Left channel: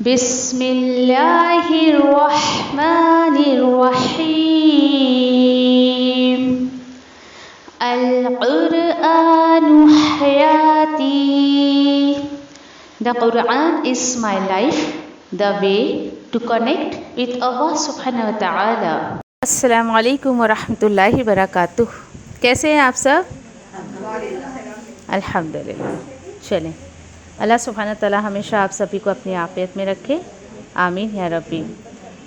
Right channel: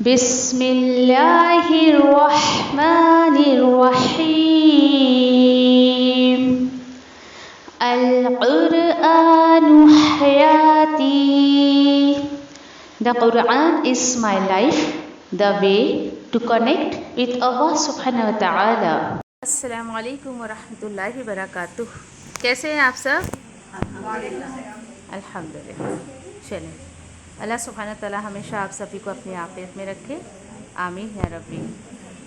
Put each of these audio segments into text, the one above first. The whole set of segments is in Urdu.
بسم اللہ الرحمن الرحیم القرآن حیاتی. The Quran is my life, the way to connect with Allah subhanahu wa ta'ala. السلام علیکم ورحمۃ اللہ وبرکاتہ. کیسے ہیں آپ سب؟ الحمدللہ. چلیں، اللہ سبحانہ تعالیٰ ہمیشہ آپ سبھی کو اپنی عافیت میں رکھے، آمین یا ربی.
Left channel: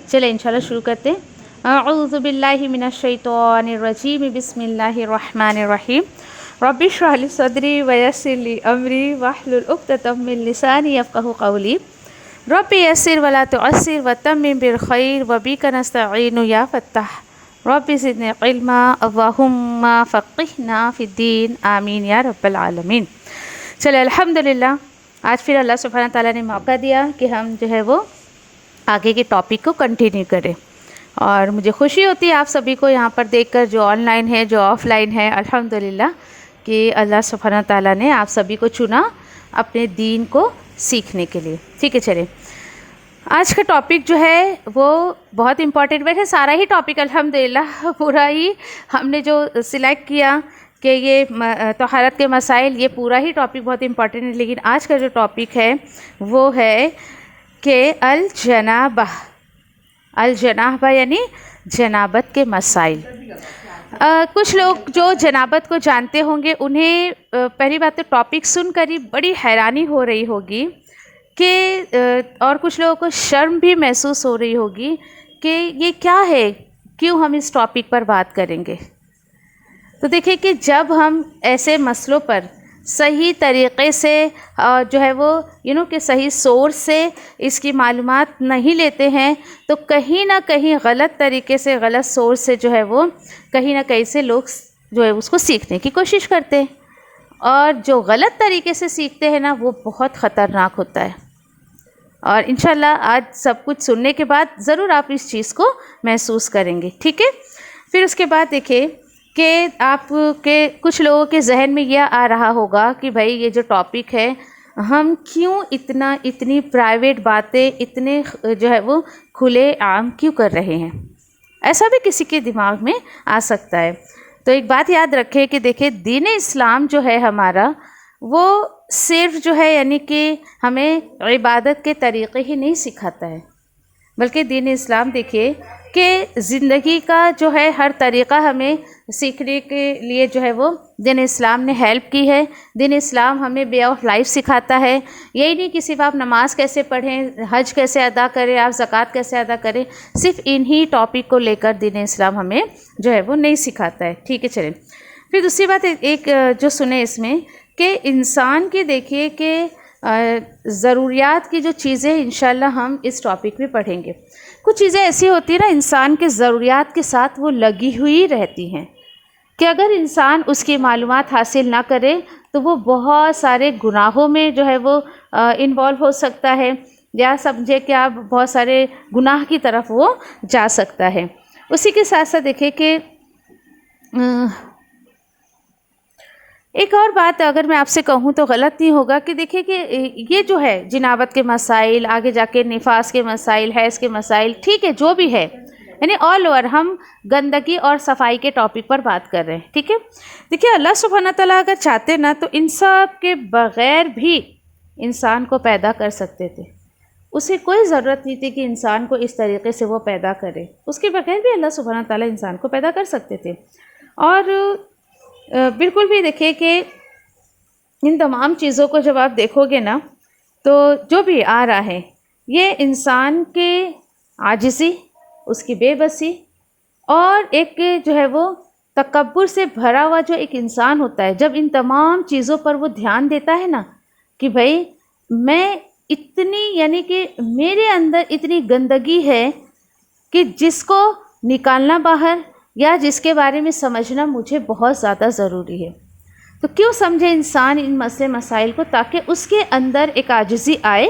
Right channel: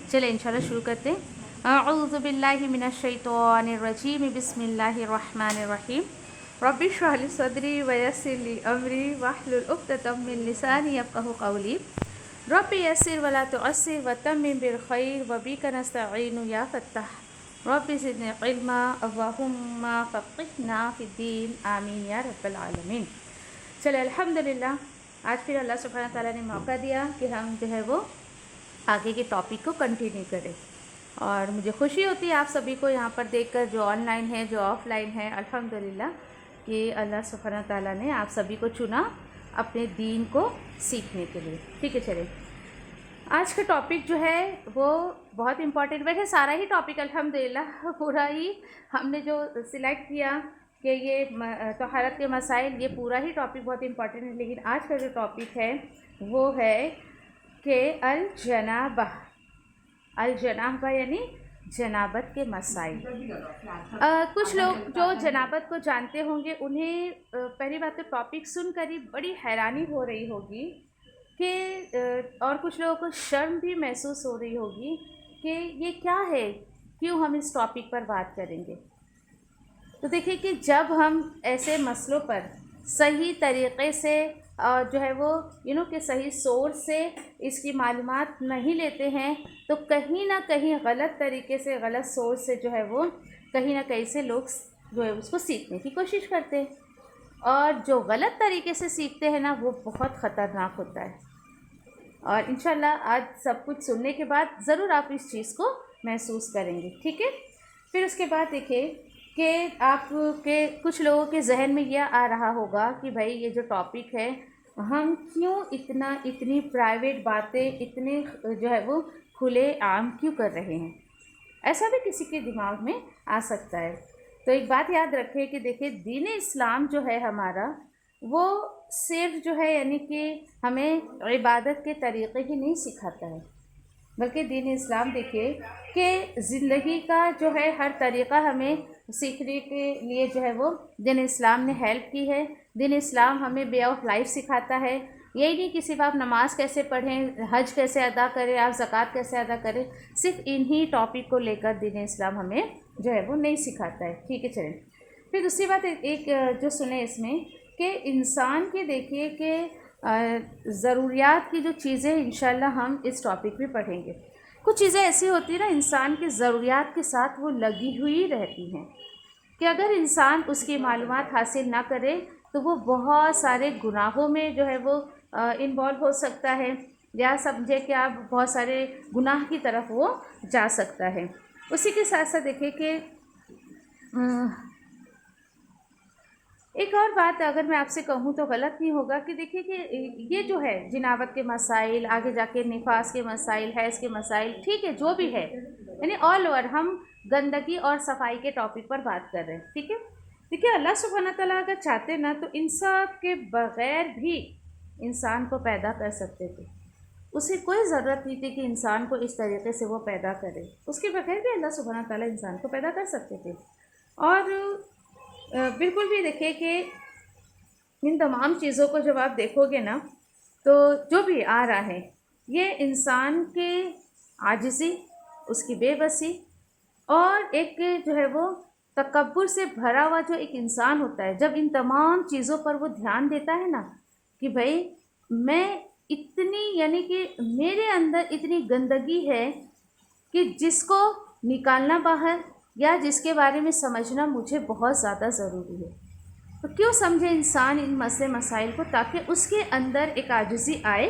چلیں انشاءاللہ شروع کرتے ہیں. اعوذ باللہ من الشیطان الرجیم، بسم اللہ الرحمن الرحیم. رب اشرح لی صدری ویسر لی امری واحلل عقدۃ من لسانی یفقہوا قولی. رب یسر ولا تعسر وتمم بالخیر وبک نستعین یا فتاح. رب زدنی علما اللہم فقہنا فی الدین، آمین یا رب العالمین. چلے الحمدللہ، آج پھر اللہ سبحانہ تعالیٰ نے موقع دیا کہ ہم جو ہے وہ آگے کے ٹاپک کو کنٹینیو کریں، اور مجھے خوشی ہوتی ہے آپ سبھی کو یہاں پر دیکھ کر، جو آن لائن ہے جو آف لائن ہے، الحمدللہ کہ اللہ سبحانہ تعالیٰ نے آپ سبھی کو چنا اپنے دین کو سیکھنے کے لیے. ٹھیک ہے، چلیں آج کا ٹاپک جو ہے وہ بہت امپورٹنٹ. ویسے سارا ہی ٹاپک الحمدللہ پورا ہی ہم نے جو سلیکٹ کیا کہ یہ طہارت کے مسائل، یہ پورا ہی ٹاپک بہت امپورٹنٹ ہے. لیکن آج کا جو ٹاپک ہے وہ ہے کہ الجنابہ یعنی جنابت کے مسائل. کچھ لوگ جو جنابت کو جانتے ہوں گے انہیں پہلی بات تو ٹاپک سن کر ہی بڑی حیرانی ہو رہی ہوگی کہ اور کچھ لوگوں کو شرم بھی محسوس ہو رہی ہوگی کہ یہ کیا ہے، کیوں ہم اس ٹاپک پر بات کریں گے. تو دیکھیں کہ جب ہم ایسے مسئلوں پر صحیح طریقے سے جو ہے وہ کہ صحیح سورس سے اس کی معلومات نہیں لیتے ہیں، تو کہیں نہ کہیں غلط طریقے سے، غلط سورس سے جو ہے وہ کہیں نہ کہیں سے لوگ جو ہے اس کو سیکھنے کی کوشش کرتے ہیں، اور جو غلط طریقے سے سیکھتے ہیں نا وہ بہت خطرناک ہوتا ہے. اور انشاءاللہ آج سب کچھ سننے کے بعد ضرور آپ اس چیز کو محسوس کریں گے. ٹھیک ہے، پھر اس کے بعد دیکھیں کہ آپ کے کچھ لوگوں کے ذہن میں یہ آ رہا ہوگا کہ بھائی یہ جو ٹاپک ہے ہم کیوں اتنی پرائیویٹ باتیں اتنے جو ہے وہ کھلے عام کیوں کر رہے ہیں. ایسا بھی کسی کے دماغ میں آ سکتا ہے. تو ایک بات یاد رکھیں کہ دیکھیں دین اسلام جو ہے ہمارا، وہ صرف جو ہے یعنی کہ ہمیں عبادت کے طریقے ہی نہیں سکھاتا ہے، بلکہ دین اسلام دیکھیے کہ زندگی کا جو ہے ہر طریقہ ہمیں سیکھنے کے لیے جو ہے وہ دین اسلام نے ہیلپ کی ہے. دین اسلام ہمیں وے آف لائف سکھاتا ہے. یہی نہیں کہ صرف آپ نماز کیسے پڑھیں، حج کیسے ادا کریں، آپ زکوٰۃ کیسے ادا کریں، صرف انہی ٹاپک کو لے کر دین اسلام ہمیں جو ہے وہ نہیں سکھاتا ہے. ٹھیک ہے، چلیں پھر دوسری بات ایک جو سنیں اس میں کہ انسان کی دیکھیے کہ ضروریات کی جو چیزیں انشاءاللہ ہم اس ٹاپک میں پڑھیں گے. کچھ چیزیں ایسی ہوتی ہیں نا انسان کے ضروریات کے ساتھ وہ لگی ہوئی رہتی ہیں کہ اگر انسان اس کی معلومات حاصل نہ کرے تو وہ بہت سارے گناہوں میں جو ہے وہ انوالو ہو سکتا ہے، یا سمجھے کہ آپ بہت سارے گناہ کی طرف وہ جا سکتا ہے. اسی کے ساتھ ساتھ دیکھیں کہ ایک اور بات اگر میں آپ سے کہوں تو غلط نہیں ہوگا کہ دیکھیں کہ یہ جو ہے جنابت کے مسائل، آگے جا کے نفاس کے مسائل، حیض کے مسائل، ٹھیک ہے جو بھی ہے، یعنی آل اوور ہم گندگی اور صفائی کے ٹاپک پر بات کر رہے ہیں. ٹھیک ہے، دیکھیے اللہ سبحانہ تعالیٰ اگر چاہتے نا تو ان سب کے بغیر بھی انسان کو پیدا کر سکتے تھے. اسے کوئی ضرورت نہیں تھی کہ انسان کو اس طریقے سے وہ پیدا کرے، اس کے بغیر بھی اللہ سبحانہ تعالیٰ انسان کو پیدا کر سکتے تھے. اور بالکل بھی دیکھیں کہ ان تمام چیزوں کو جب آپ دیکھو گے نا تو جو بھی آ رہا ہے یہ انسان کے عاجزی، اس کی بے بسی، اور ایک جو ہے وہ تکبر سے بھرا ہوا جو ایک انسان ہوتا ہے، جب ان تمام چیزوں پر وہ دھیان دیتا ہے نا کہ بھائی میں اتنی یعنی کہ میرے اندر اتنی گندگی ہے کہ جس کو نکالنا باہر یا جس کے بارے میں سمجھنا مجھے بہت زیادہ ضروری ہے. تو کیوں سمجھے انسان ان مسئلے مسائل کو، تاکہ اس کے اندر ایک عاجزی آئے،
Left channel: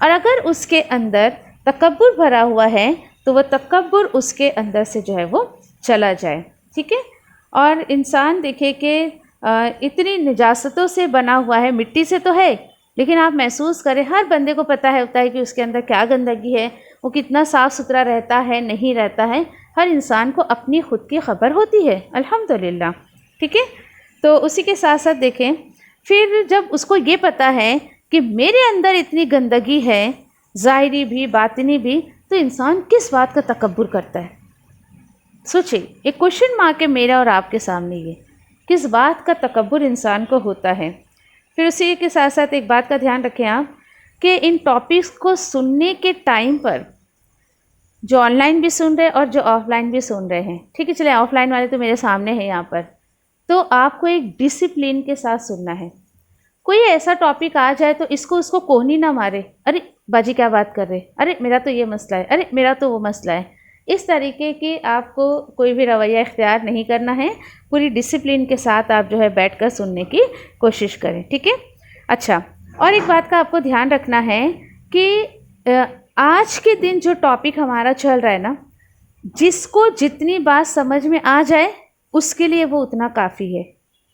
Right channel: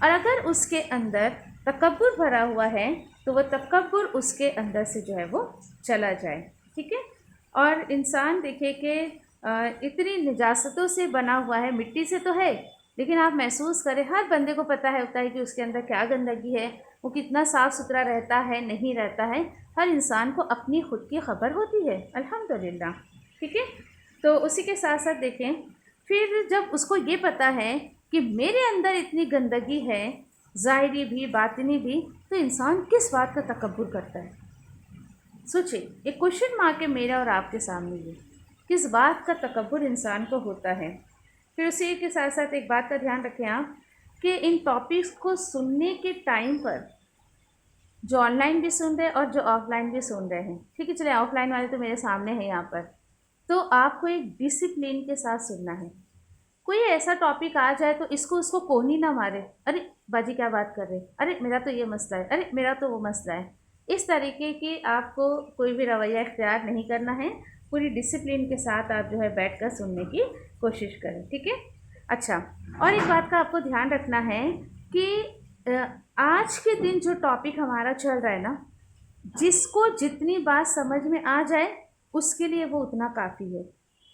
اور اگر اس کے اندر تکبر بھرا ہوا ہے تو وہ تکبر اس کے اندر سے جو ہے وہ چلا جائے. ٹھیک ہے، اور انسان دیکھے کہ اتنی نجاستوں سے بنا ہوا ہے، مٹی سے تو ہے لیکن آپ محسوس کریں ہر بندے کو پتہ ہوتا ہے کہ اس کے اندر کیا گندگی ہے، وہ کتنا صاف ستھرا رہتا ہے نہیں رہتا ہے، ہر انسان کو اپنی خود کی خبر ہوتی ہے الحمدللہ، ٹھیک ہے۔ تو اسی کے ساتھ ساتھ دیکھیں پھر جب اس کو یہ پتہ ہے کہ میرے اندر اتنی گندگی ہے ظاہری بھی باطنی بھی، تو انسان کس بات کا تکبر کرتا ہے؟ سوچیں، ایک کوشچن مارک ہے میرا اور آپ کے سامنے، یہ کس بات کا تکبر انسان کو ہوتا ہے۔ پھر اسی کے ساتھ ساتھ ایک بات کا دھیان رکھیں آپ کہ ان ٹاپکس کو سننے کے ٹائم پر جو آن لائن بھی سن رہے اور جو آف لائن بھی سن رہے ہیں، ٹھیک ہے، چلے آف لائن والے تو میرے سامنے ہیں یہاں پر، تو آپ کو ایک ڈسپلن کے ساتھ سننا ہے۔ کوئی ایسا ٹاپک آ جائے تو اس کو کوہنی نہ مارے، ارے باجی کیا بات کر رہے، ارے میرا تو یہ مسئلہ ہے، ارے میرا تو وہ مسئلہ ہے، اس طریقے کی آپ کو کوئی بھی رویہ اختیار نہیں کرنا ہے۔ پوری ڈسپلن کے ساتھ آپ جو ہے بیٹھ کر سننے کی کوشش کریں، ٹھیک ہے۔ اچھا، اور ایک بات کا آپ کو دھیان رکھنا ہے کہ آج کے دن جو ٹاپک ہمارا چل رہا ہے نا، جس کو جتنی بات سمجھ میں آ جائے اس کے لیے وہ اتنا کافی ہے۔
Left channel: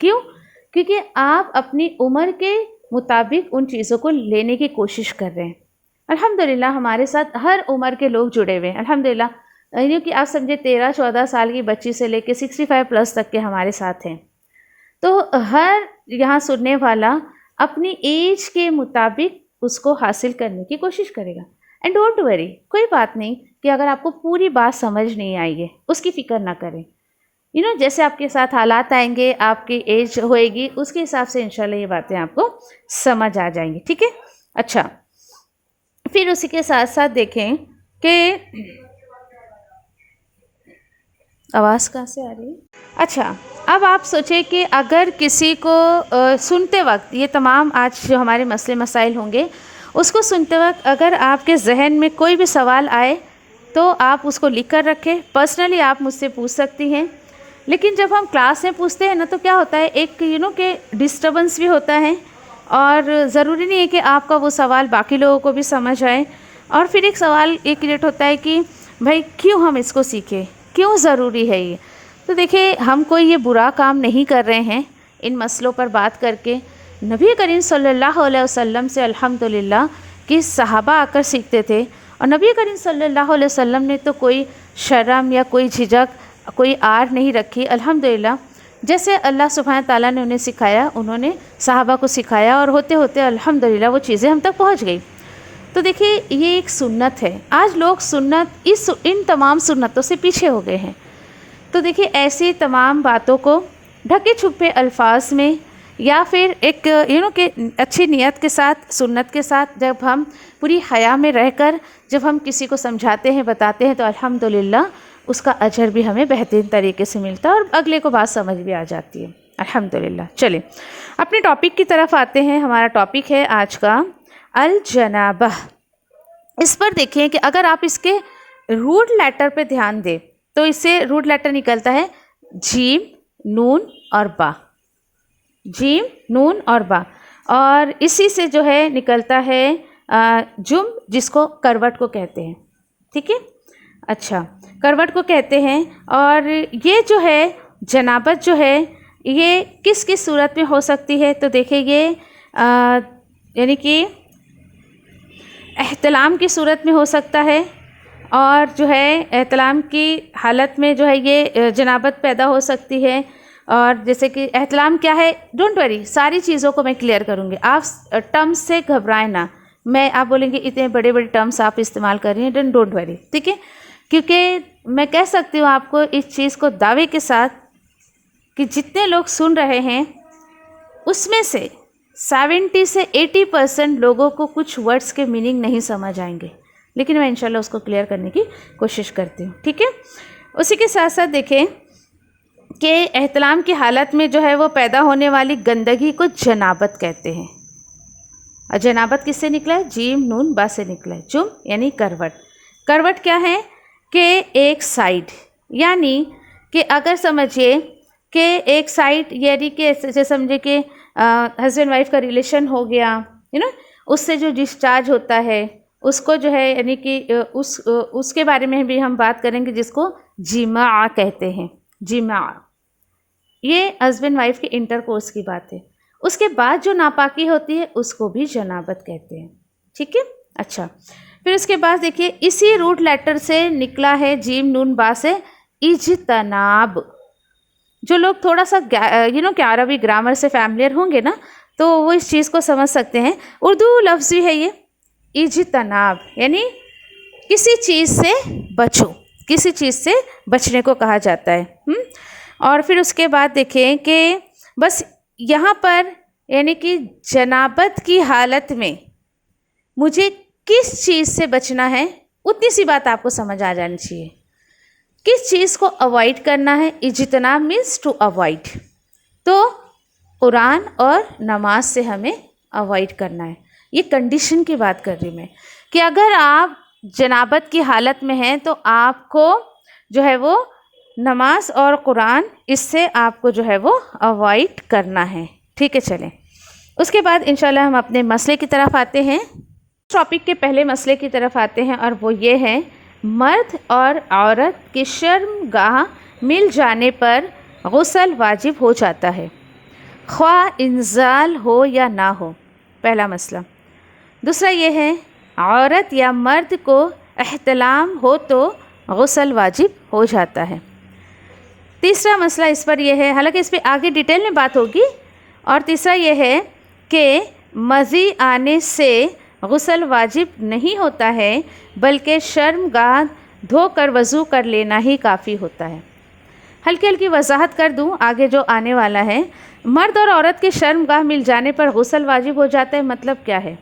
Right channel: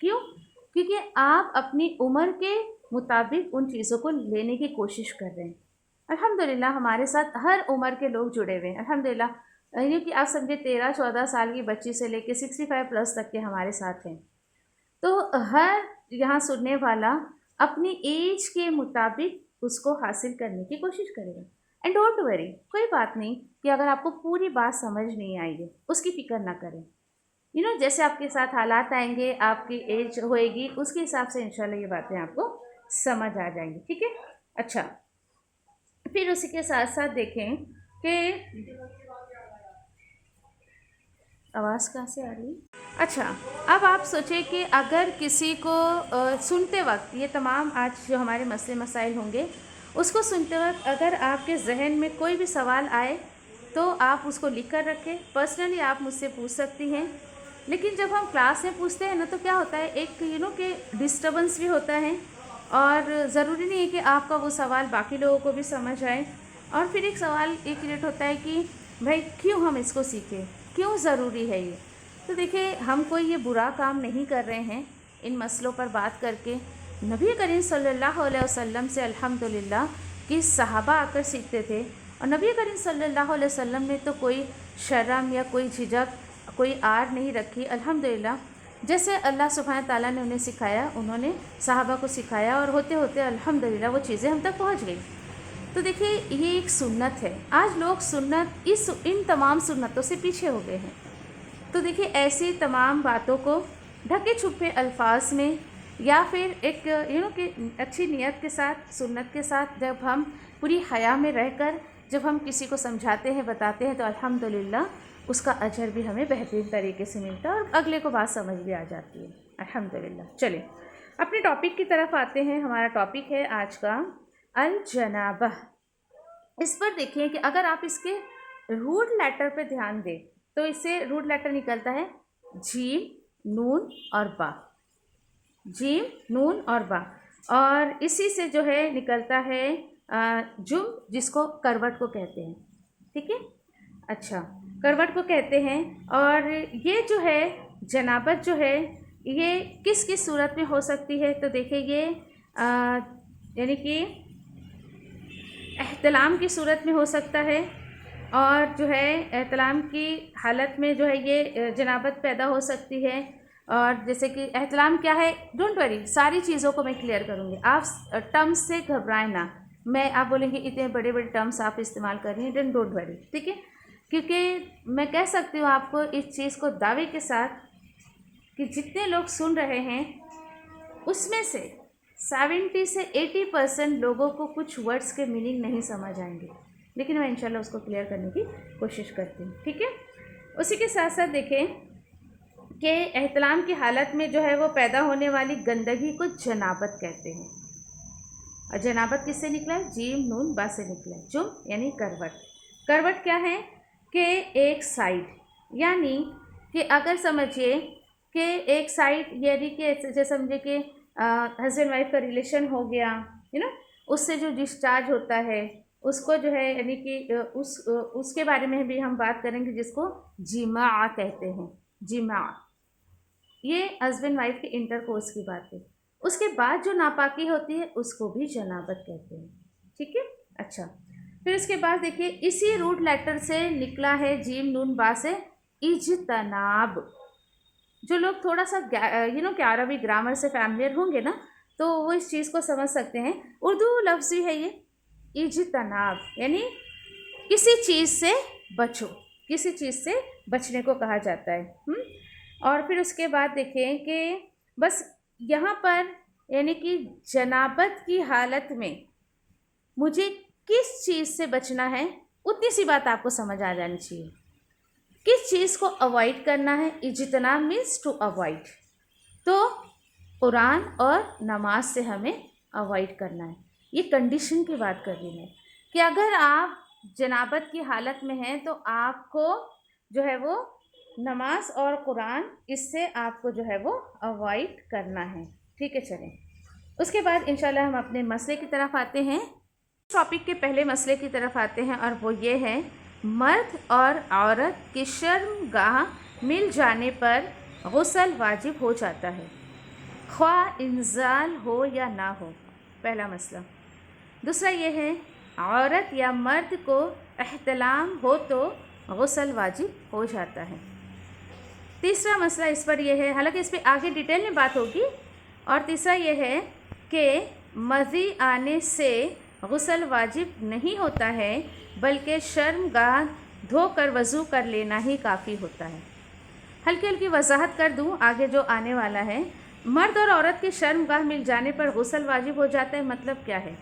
کیوں؟ کیونکہ آپ اپنی عمر کے مطابق ان چیزوں کو لینے کی کوشش کر رہے ہیں۔ الحمدللہ ہمارے ساتھ ہر عمر کے لوگ جڑے ہوئے ہیں الحمدللہ، یعنی کہ آپ سمجھے 13-14 سال کی بچی سے لے کے 65 پلس تک کے ہمارے ساتھ ہیں۔ تو ہر یہاں سننے والا اپنی ایج کے مطابق اس کو حاصل کرنے کی کوشش کرے گا۔ اینڈ ڈونٹ وری، کوئی بات نہیں کہ اگر آپ کو پوری بات سمجھ نہیں آئی ہے، اس کی فکر نہ کریں۔ جیسے آپ کے ساتھ حالات آئیں گے، آپ کی ایج ہوئے گی، اس کے حساب سے انشاءاللہ یہ باتیں آپ کو سمجھ آ جائیں گی، ٹھیک ہے۔ اچھا، پھر اسی کے ساتھ ساتھ دیکھیں کہ آواز کہاں سے آ رہی ہے؟ اچھا، اب آپ سوچیں کہ اگر کسی کو سنتے وقت یہ تمام آج جو ہمارے مسئلے مسائل ہوں گے، اس کو سنتے وقت اگر آپ کے ذہن میں کوئی بھی سوال آئے تو آپ اس کو لکھ کر رکھیں۔ پرسنلی آپ مجھ سے پوچھ سکتی ہیں، لیکن جب ہم کلاس میں پوچھتے ہیں نا تو کیا ہوتا ہے، ایک کہ ڈسٹربنس بھی ہوتا ہے، اور ضروری نہیں ہے کہ آپ کا وہ سوال باقی لوگوں کو بھی سمجھ آئے۔ اور پھر ایک سوال یہ کریٹ ہوتا ہے کہ بھائی کیوں ہم اس کو سیکھیں، کیوں ضروری ہے یہ؟ تو دیکھیں، ہم کوئی یہ برا کام نہیں کر رہے ہیں ان مسئلوں پر بات کر کے۔ نبی کریم صلی اللہ علیہ وسلم سے الحمدللہ کہ صحابہ آ کر سیکھتے تھے، اور نبی کریم صلی اللہ علیہ وسلم نے تو کوئی شرم یا کوئی جھجک، کوئی آر نہیں رکھی الحمدللہ۔ جیسے اللہ سبحانہ تعالیٰ نے انہیں سکھایا، انہوں نے صحابہ کو سکھایا، اور ہوتے ہوتے الحمدللہ وہ چیزیں ہم تک پہنچ گئی۔ تو دیکھیے، یہ ایک سنت ہے۔ آج لوگ سنت ان تمام سنتوں سے پیچھے ہو گئے ہیں۔ تو دیکھیے، ایسی تمام باتوں کو ڈھکے چھپے الفاظ میں یا پھر ایک کہ اچھی نیت کے ساتھ، سنت کے ساتھ، جب ہم پوری حیا میں رہ کر جب ہم کسی کو سمجھاتے ہیں، بتاتے ہیں، تو الحمدللہ اس کا اجر بھی ہمیں بہترین طریقے سے ملتا ہے، اور اگلے کو بات سمجھ بھی آ جاتی ہے الحمدللہ۔ چلیں اپنے ٹاپک کی طرف آتے ہیں۔ ہمارا ٹاپک ہے آج کا الجنابہ۔ اس پر دیکھیں کہ اگر آپ اس کے روٹ لیٹر پہ دھیان دیں تو اس سے روٹ لیٹر نکلتا ہے جیم، نون اور با، جیم، نون اور با، اور اسی سے جو ہے نکلتا ہے جم، جس کو کروٹ کو کہتے ہیں، ٹھیک ہے۔ اچھا، کروٹ کو کہتے ہیں، اور یہ جو ہے جنابت جو ہے یہ کس کس صورت میں ہو سکتی ہے؟ تو دیکھیں، یہ یعنی کہ احتلام کی صورت میں ہو سکتا ہے، اور جو ہے احتلام کی حالت میں جو ہے یہ جنابت پیدا ہو سکتی ہے۔ اور جیسے کہ احتلام کیا ہے، ڈونٹ وری، ساری چیزوں کو میں کلیئر کروں گی، آپ ٹرمز سے گھبرائیں نہ۔ آپ بولیں گے اتنے بڑے بڑے ٹرمز آپ استعمال کر رہی ہیں، دین ڈونٹ وری، ٹھیک ہے۔ کیونکہ میں کہہ سکتی ہوں آپ کو اس چیز کو دعوے کے ساتھ کہ جتنے لوگ سن رہے ہیں اس میں سے 70 سے 80% لوگوں کو کچھ ورڈز کے میننگ نہیں سمجھ آئیں گے، لیکن میں انشاءاللہ اس کو کلیئر کرنے کی کوشش کرتی ہوں، ٹھیک ہے۔ اسی کے ساتھ ساتھ دیکھیں کہ احتلام کی حالت میں جو ہے وہ پیدا ہونے والی گندگی کو جنابت کہتے ہیں۔ اور جنابت کس سے نکلا ہے؟ جیم، نون، با سے نکلا ہے۔ جم یعنی کروٹ۔ کروٹ کیا ہے کہ ایک سائیڈ، یعنی کہ اگر سمجھیے کہ ایک سائیڈ، یعنی کہ جیسے سمجھے کہ ہسبینڈ وائف کا ریلیشن ہو گیا، اس سے جو ڈسچارج ہوتا ہے اس کو جو ہے، یعنی کہ اس کے بارے میں بھی ہم بات کریں گے، جس کو جماع کہتے ہیں۔ جماع یہ ہسبینڈ وائف کے انٹر کورس کی بات ہے۔ اس کے بعد جو ناپاکی ہوتی ہے اس کو بھی جنابت کہتے ہیں. ٹھیک ہے. اچھا پھر اس کے بعد دیکھیے اسی روٹ لیٹر سے نکلا ہے جیم نون با سے اجتناب. جو لوگ تھوڑا سا کہ عربی گرامر سے فیملیئر ہوں گے نا تو وہ اس چیز کو سمجھ سکتے ہیں. اردو لفظ بھی ہے یہ اجتناب، یعنی کسی چیز سے بچو، کسی چیز سے بچنے کو کہا جاتا ہے. اور پھر اس کے بعد دیکھیں کہ بس یہاں پر یعنی کہ جنابت کی حالت میں مجھے کس چیز سے بچنا ہے اتنی سی بات آپ کو سمجھ آ جانی چاہیے. کس چیز کو اوائڈ کرنا ہے؟ اجتناب مینس ٹو اوائڈ. تو قرآن اور نماز سے ہمیں اوائڈ کرنا ہے. یہ کنڈیشن کی بات کر رہی ہوں میں کہ اگر آپ جنابت کی حالت میں ہیں تو آپ کو جو ہے وہ نماز اور قرآن اس سے آپ کو جو ہے وہ اوائڈ کرنا ہے. ٹھیک ہے. چلیں اس کے بعد انشاءاللہ ہم اپنے مسئلے کی طرف آتے ہیں. ٹاپک کے پہلے مسئلے کی طرف آتے ہیں اور وہ یہ ہے مرد اور عورت کی شرم گاہ مل جانے پر غسل واجب ہو جاتا ہے خواہ انزال ہو یا نہ ہو. پہلا مسئلہ. دوسرا یہ ہے عورت یا مرد کو احتلام ہو تو غسل واجب ہو جاتا ہے. تیسرا مسئلہ اس پر یہ ہے، حالانکہ اس پہ آگے ڈیٹیل میں بات ہوگی. اور تیسرا یہ ہے کہ مزی آنے سے غسل واجب نہیں ہوتا ہے بلکہ شرم گاہ دھو کر وضو کر لینا ہی کافی ہوتا ہے. ہلکی ہلکی وضاحت کر دوں آگے جو آنے والا ہے. مرد اور عورت کے شرم گاہ مل جانے پر غسل واجب ہو جاتا ہے، مطلب کیا ہے؟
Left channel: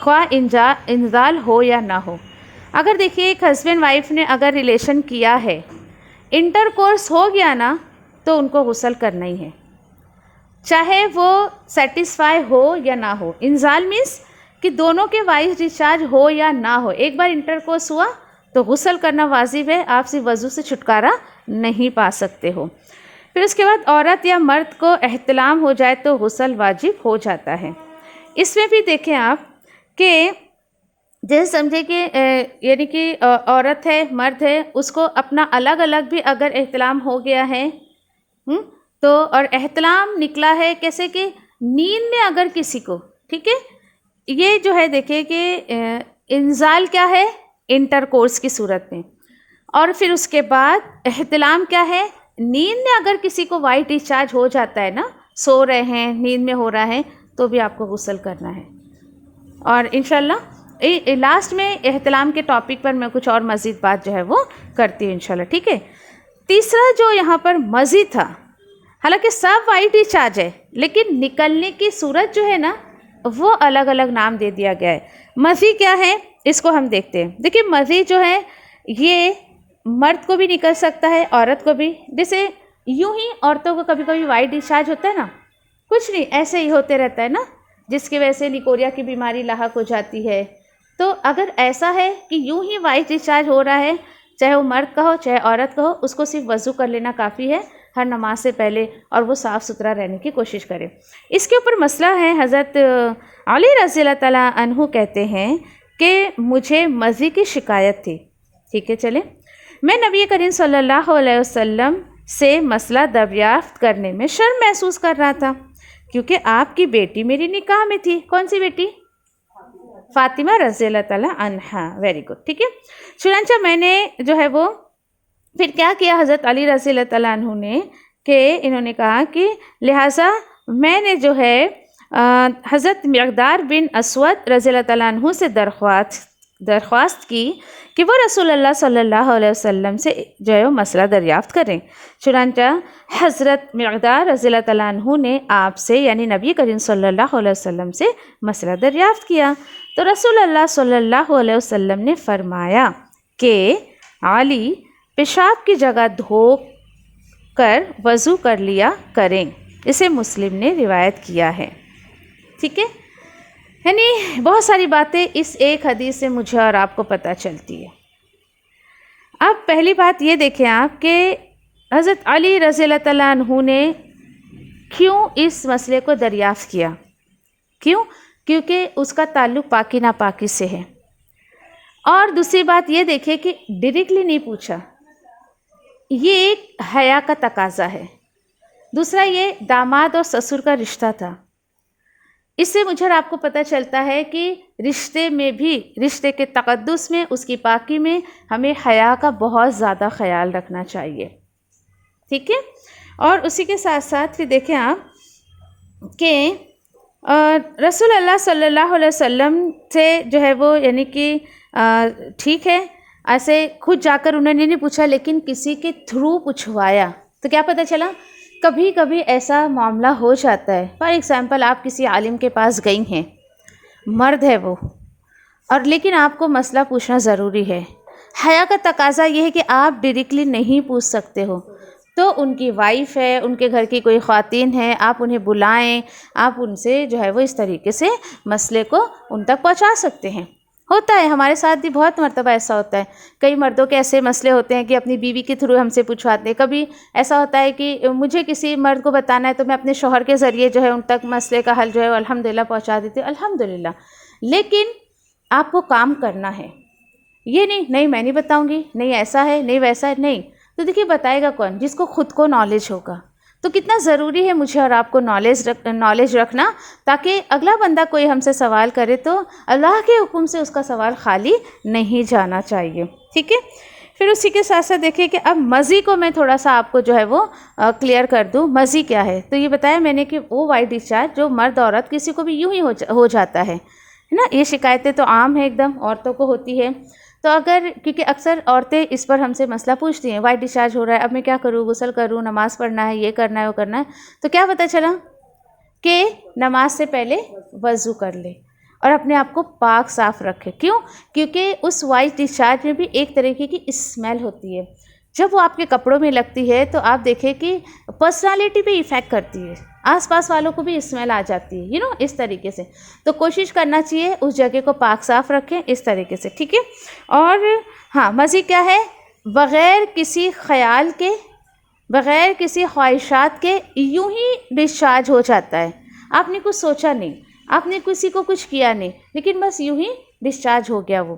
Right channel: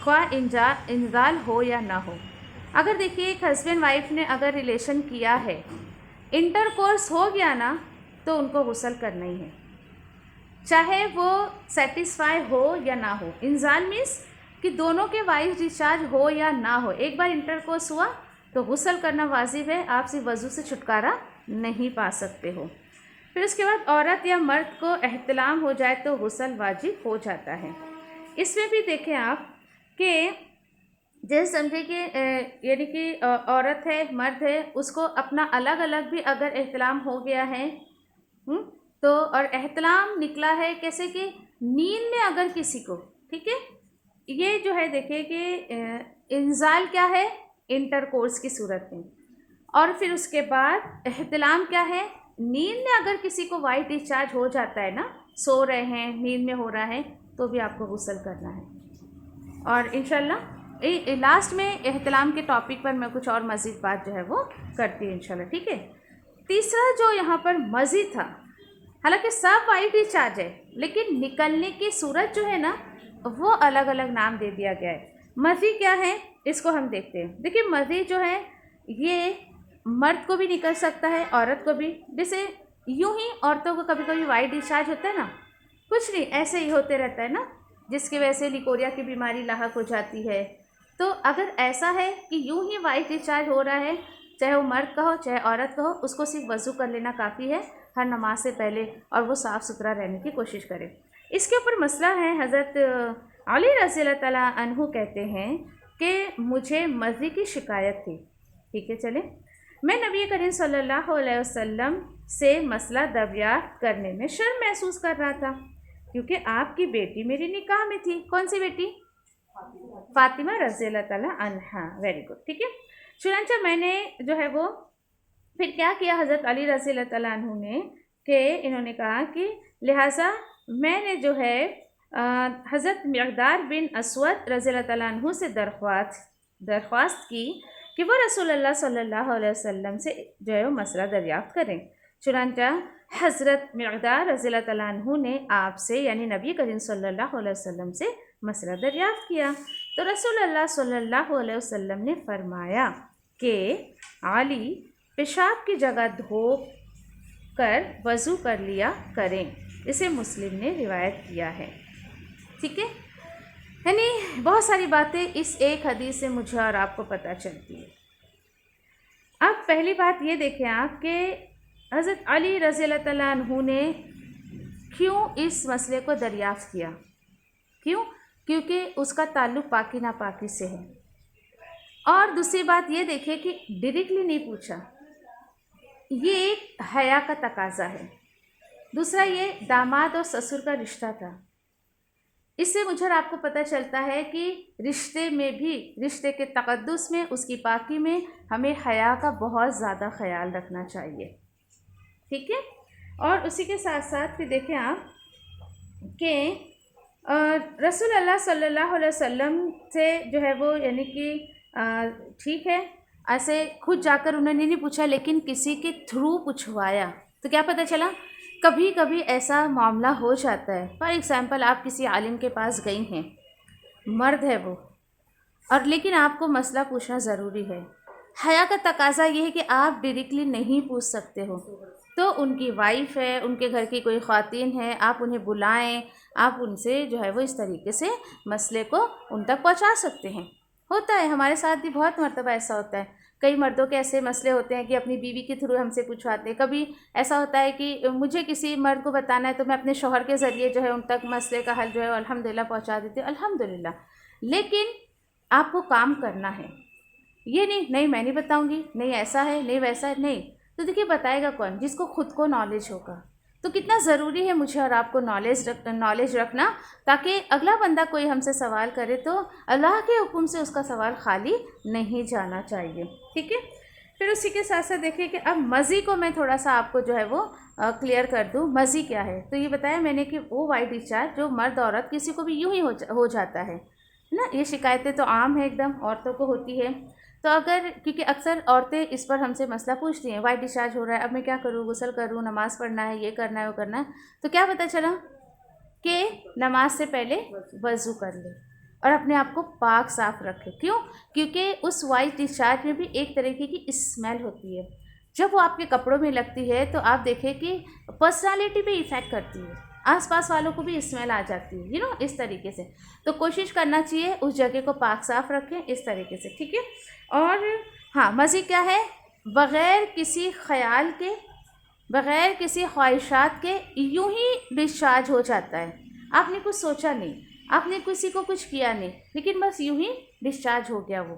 خواہ انزال ہو یا نہ ہو. اگر دیکھیے ایک ہسبینڈ وائف نے اگر ریلیشن کیا ہے، انٹر کورس ہو گیا نا تو ان کو غسل کرنا ہی ہے، چاہے وہ سیٹسفائی ہو یا نہ ہو. انزال مینس کہ دونوں کے وائس ڈسچارج ہو یا نہ ہو، ایک بار انٹر کورس ہوا تو غسل کرنا واجب ہے، آپ سے وضو سے چھٹکارا نہیں پا سکتے ہو. پھر اس کے بعد عورت یا مرد کو احتلام ہو جائے تو غسل واجب ہو جاتا ہے. اس میں بھی دیکھیں آپ کہ جیسے سمجھے کہ یعنی کہ عورت ہے مرد ہے، اس کو اپنا الگ الگ بھی اگر احتلام ہو گیا ہے تو اور احتلام نکلا ہے کیسے کہ نیند میں اگر کسی کو، ٹھیک ہے، یہ جو ہے دیکھیے کہ انزال کیا ہے؟ انٹر کورس کی صورت میں. اور پھر اس کے بعد احتلام کیا ہے؟ نیند میں اگر کسی کو وائٹ ڈسچارج ہو جاتا ہے نا، سو رہے ہیں نیند میں ہو رہا ہے تو بھی آپ کو غسل کرنا ہے. اور انشاءاللہ لاسٹ میں احتلام کے ٹاپک پر میں کچھ اور مزید بات جو ہے وہ کرتی ہوں انشاءاللہ. ٹھیک ہے. تیسرا جو یہاں پر مزید تھا، حالانکہ سب وائٹ ڈسچارج ہے لیکن نکلنے کی صورت جو ہے نا وہ الگ الگ نام دے دیا گیا ہے. مزی کیا ہے اس کو ہم دیکھتے ہیں. دیکھیے مزی جو ہے یہ مرد کو بھی نکل سکتا ہے عورت کو بھی. جیسے یوں ہی عورتوں کو کبھی کبھی وائٹ ڈسچارج ہوتا ہے نا، کچھ نہیں ایسے ہی ہوتے رہتا ہے نا، جس کی وجہ سے لیکوریا کی بیماری لاحق ہو جاتی ہے. تو اگر ایسا ہے کہ یوں ہی وائٹ ڈسچارج ہو رہا ہے، چاہے وہ مرد کا ہو چاہے عورت کا ہو، اس کو صرف وضو کر لینا کافی ہے ہر نماز سے پہلے، اور وہ صاف ستھرا رہنے کی کوشش کرے. اس کے اوپر مسئلہ ہے. حضرت علی رضی اللہ تعالیٰ عنہ کہتے ہیں کہ مجھے مزی کی شکایت تھی. ٹھیک ہے. چلیں میں نبی کریم صلی اللہ علیہ وسلم سے مسئلہ دریافت کرنے میں شرم محسوس کر رہا تھا کیونکہ آپ کی بیٹی میری نکاح میں تھی. کون سی بیٹی؟ فاطمہ رضی اللہ تعالیٰ عنہا. Very good. ٹھیک ہے. چنانچہ میں نے جو ہے وہ پھر کیا کیا حضرت علی رضی اللہ تعالیٰ عنہ نے کہ انہوں نے کہا کہ لہٰذا میں نے جو ہے حضرت مقدار بن اسود رضی اللہ تعالیٰ عنہ سے درخواست کی کہ وہ رسول اللہ صلی اللہ علیہ وسلم سے جو ہے وہ مسئلہ دریافت کریں. چنانچہ حضرت مقدار رضی اللہ تعالیٰ عنہ نے آپ سے یعنی نبی کریم صلی اللہ علیہ وسلم سے مسئلہ دریافت کیا تو رسول اللہ صلی اللہ علیہ وسلم نے فرمایا کہ علی پیشاب کی جگہ دھو کر وضو کر لیا کریں. اسے مسلم نے روایت کیا ہے. ٹھیک ہے. یعنی بہت ساری باتیں اس ایک حدیث سے مجھے اور آپ کو پتہ چلتی ہے. اب پہلی بات یہ دیکھیں آپ کہ حضرت علی رضی اللہ تعالیٰ عنہ نے کیوں اس مسئلے کو دریافت کیا؟ کیوں؟ کیونکہ اس کا تعلق پاکی ناپاکی سے ہے. اور دوسری بات یہ دیکھیں کہ ڈائریکٹلی نہیں پوچھا، یہ ایک حیا کا تقاضا ہے. دوسرا یہ داماد اور سسر کا رشتہ تھا. اس سے مجھے اور آپ کو پتہ چلتا ہے کہ رشتے میں بھی، رشتے کے تقدس میں، اس کی پاکی میں ہمیں حیا کا بہت زیادہ خیال رکھنا چاہیے. ٹھیک ہے. اور اسی کے ساتھ ساتھ پھر دیکھیں آپ کہ رسول اللہ صلی اللہ علیہ وسلم سے جو ہے وہ یعنی کہ ٹھیک ہے ایسے خود جا کر انہوں نے نہیں پوچھا، لیکن کسی کے تھرو پوچھوایا. تو کیا پتہ چلا؟ کبھی کبھی ایسا معاملہ ہو جاتا ہے. فار ایگزامپل آپ کسی عالم کے پاس گئی ہیں، مرد ہے وہ، اور لیکن آپ کو مسئلہ پوچھنا ضروری ہے. حیا کا تقاضا یہ ہے کہ آپ ڈائریکٹلی نہیں پوچھ سکتے ہو، تو ان کی وائف ہے، ان کے گھر کی کوئی خواتین ہے، آپ انہیں بلائیں، آپ ان سے جو ہے وہ اس طریقے سے مسئلے کو ان تک پہنچا سکتے ہیں. ہوتا ہے ہمارے ساتھ بھی بہت مرتبہ ایسا ہوتا ہے. کئی مردوں کے ایسے مسئلے ہوتے ہیں کہ اپنی بیوی کے تھرو ہم سے پوچھواتے ہیں. کبھی ایسا ہوتا ہے کہ مجھے کسی مرد کو بتانا ہے تو میں اپنے شوہر کے ذریعے جو ہے ان تک مسئلے کا حل جو ہے الحمدللہ پہنچا دیتی ہوں. الحمدللہ. لیکن آپ کو کام کرنا ہے. یہ نہیں میں نہیں بتاؤں گی، نہیں ایسا ہے، نہیں ویسا ہے، نہیں. تو دیکھیے بتائے گا کون؟ جس کو خود کو نالج ہوگا. تو کتنا ضروری ہے مجھے اور آپ کو نالج رکھنا، تاکہ اگلا بندہ کوئی ہم سے سوال کرے تو اللہ کے حکم سے اس کا سوال خالی نہیں جانا چاہیے. ٹھیک ہے. پھر اسی کے ساتھ ساتھ دیکھیے کہ اب مزی کو میں تھوڑا سا آپ کو جو ہے وہ کلیئر کر دوں. مزی کیا ہے؟ تو یہ بتایا میں نے کہ وہ وائٹ ڈسچارج جو مرد عورت کسی کو بھی یوں ہی ہو جاتا ہے نا. یہ شکایتیں تو عام ہیں، ایک دم عورتوں کو ہوتی ہے. تو اگر کیونکہ اکثر عورتیں اس پر ہم سے مسئلہ پوچھتی ہیں، وائٹ ڈسچارج ہو رہا ہے، اب میں کیا کروں؟ غسل کروں، نماز پڑھنا ہے، یہ کرنا ہے، وہ کرنا ہے. تو کیا پتہ چلا کہ نماز سے پہلے وضو کر لے اور اپنے آپ کو پاک صاف رکھے. کیوں؟ کیونکہ اس وائٹ ڈسچارج میں بھی ایک طریقے کی اسمیل ہوتی ہے. جب وہ آپ کے کپڑوں میں لگتی ہے تو آپ دیکھیں کہ پرسنالٹی پہ ایفیکٹ کرتی ہے، آس پاس والوں کو بھی اسمیل آ جاتی ہے اس طریقے سے. تو کوشش کرنا چاہیے اس جگہ کو پاک صاف رکھیں اس طریقے سے. ٹھیک ہے. اور ہاں مزید کیا ہے؟ بغیر کسی خیال کے، بغیر کسی خواہشات کے یوں ہی ڈسچارج ہو جاتا ہے. آپ نے کچھ سوچا نہیں، آپ نے کسی کو کچھ کیا نہیں، لیکن بس یوں ہی ڈسچارج ہو گیا وہ.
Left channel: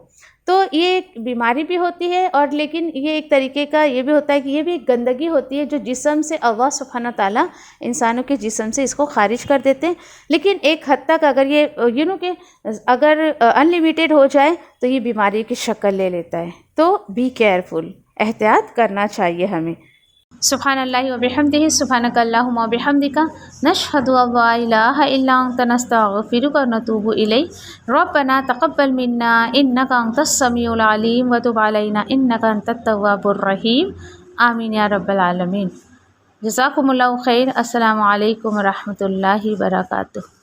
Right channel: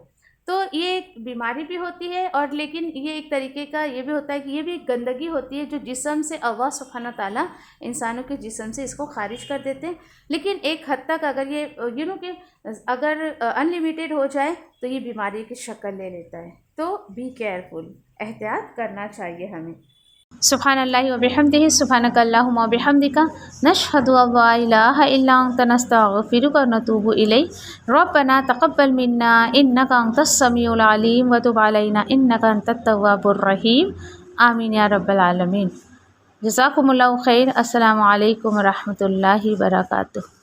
تو یہ ایک بیماری بھی ہوتی ہے، اور لیکن یہ ایک طریقے کا یہ بھی ہوتا ہے کہ یہ بھی ایک گندگی ہوتی ہے جو جسم سے اللہ سبحانہ تعالیٰ انسانوں کے جسم سے اس کو خارج کر دیتے ہیں. لیکن ایک حد تک اگر یہ کہ اگر انلیمیٹڈ ہو جائے تو یہ بیماری کی شکل لے لیتا ہے. تو بی کیئرفل، احتیاط کرنا چاہیے ہمیں. سبحان اللہ و بحمدہ، سبحانک اللہم و بحمدک، نشہد ان لا الہ الا انت، نستغفرک و نتوب الیک. ربنا تقبل منا انک انت السمیع العلیم وتب علینا انک انت التواب الرحیم. آمین یا رب العالمین. جزاکم اللہ خیر. السلام علیکم و رحمۃ اللہ وبرکاتہ.